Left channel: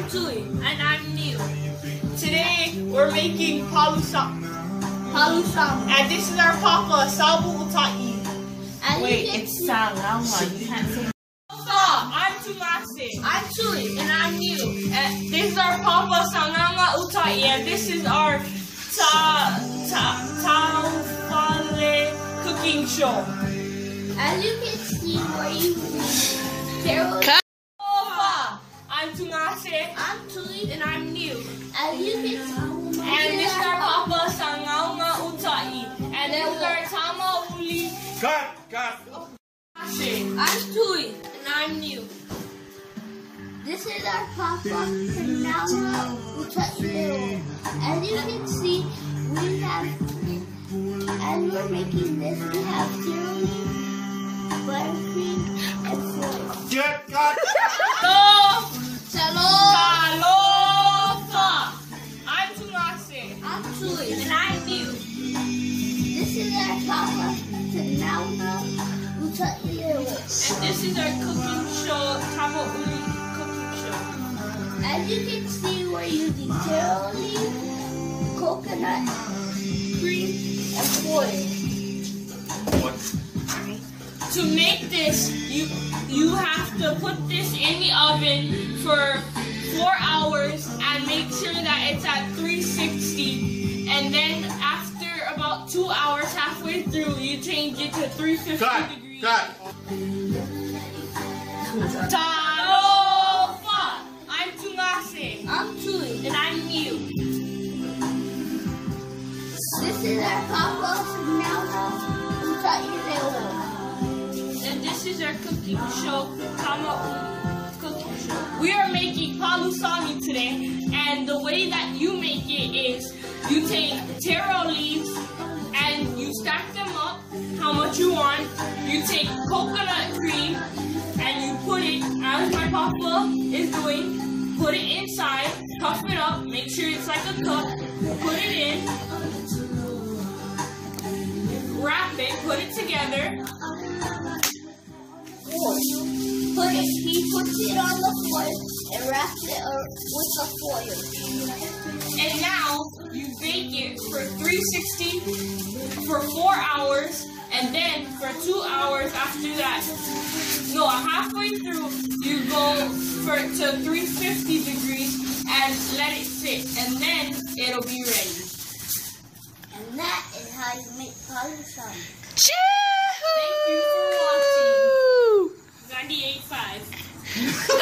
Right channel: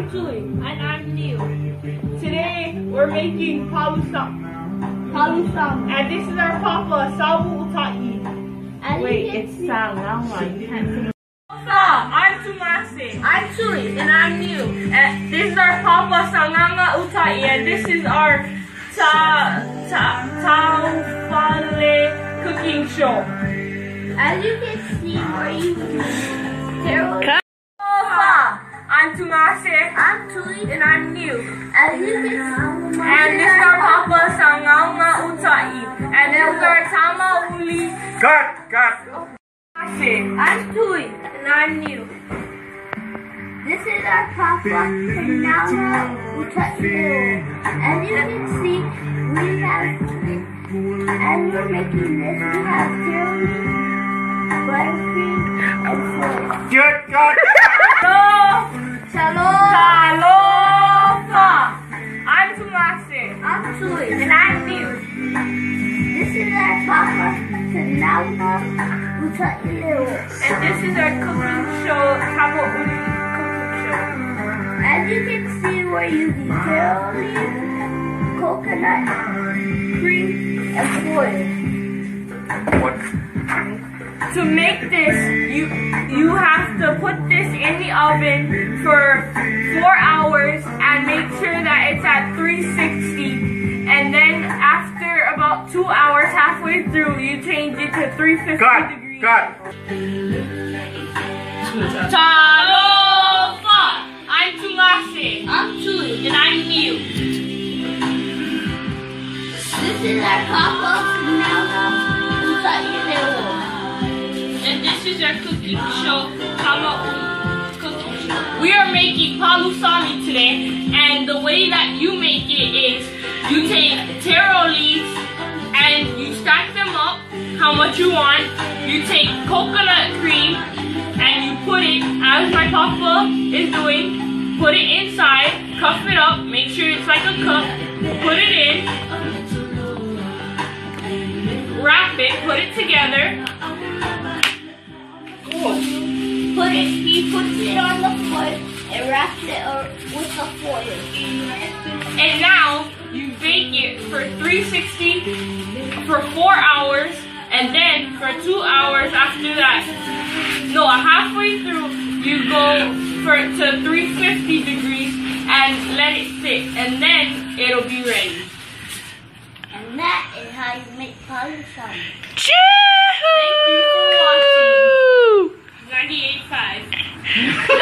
I'm Tui. And I'm Neil. Today we're making Palusami. And this is our papa, Uta'ileuo. Wait, it's Sagauga. You can't say. I'm Tumase. I'm Tui. And I'm Neil. And this is our papa, Uta'ileuo. And this is our TAMAuliz cooking show. As you can see, we're using Carol. I'm Tumase. I'm Tui. And I'm Neil. As you can see, and this is our papa, Sagauga. And this is our TAMAuliz. Cut! I'm Tui. And I'm Neil. This is our papa, Sagauga. As you can see, we have, as we're making this, we have tiramisu, buttercream, and foil. Good! Cut! Aloha! I'm Tumase. I'm Tui. And I'm Neil. This is our papa, Sagauga. And this is our cooking show, TAMAuliz cooking show. As you can see, we're using tiramisu, coconut, cream, and foil. What? To make this, you have to put this in the oven for 4 hours and make sure that it's at 360. And then after about 2 hours, halfway through, you change it to 350 degrees. Cut! Aloha! I'm Tumase. I'm Tui. And I'm Neil. This is our papa, Sagauga. And this is our cooking show, TAMAuliz cooking show. We are making Palusami today, and the way that you make it is you take taro leaves and you stack them up how much you want. You take coconut cream and you put it, as my papa is doing, put it inside, cup it up, make sure it's like a cup, put it in, wrap it, put it together. He puts it on the foil and wraps it with the foil. And now you bake it for 360 for 4 hours, and then for 2 hours after that. No, halfway through you go to 350 degrees and let it sit, and then it'll be ready. And that is how you make Palusami. Thank you for watching. 98.5.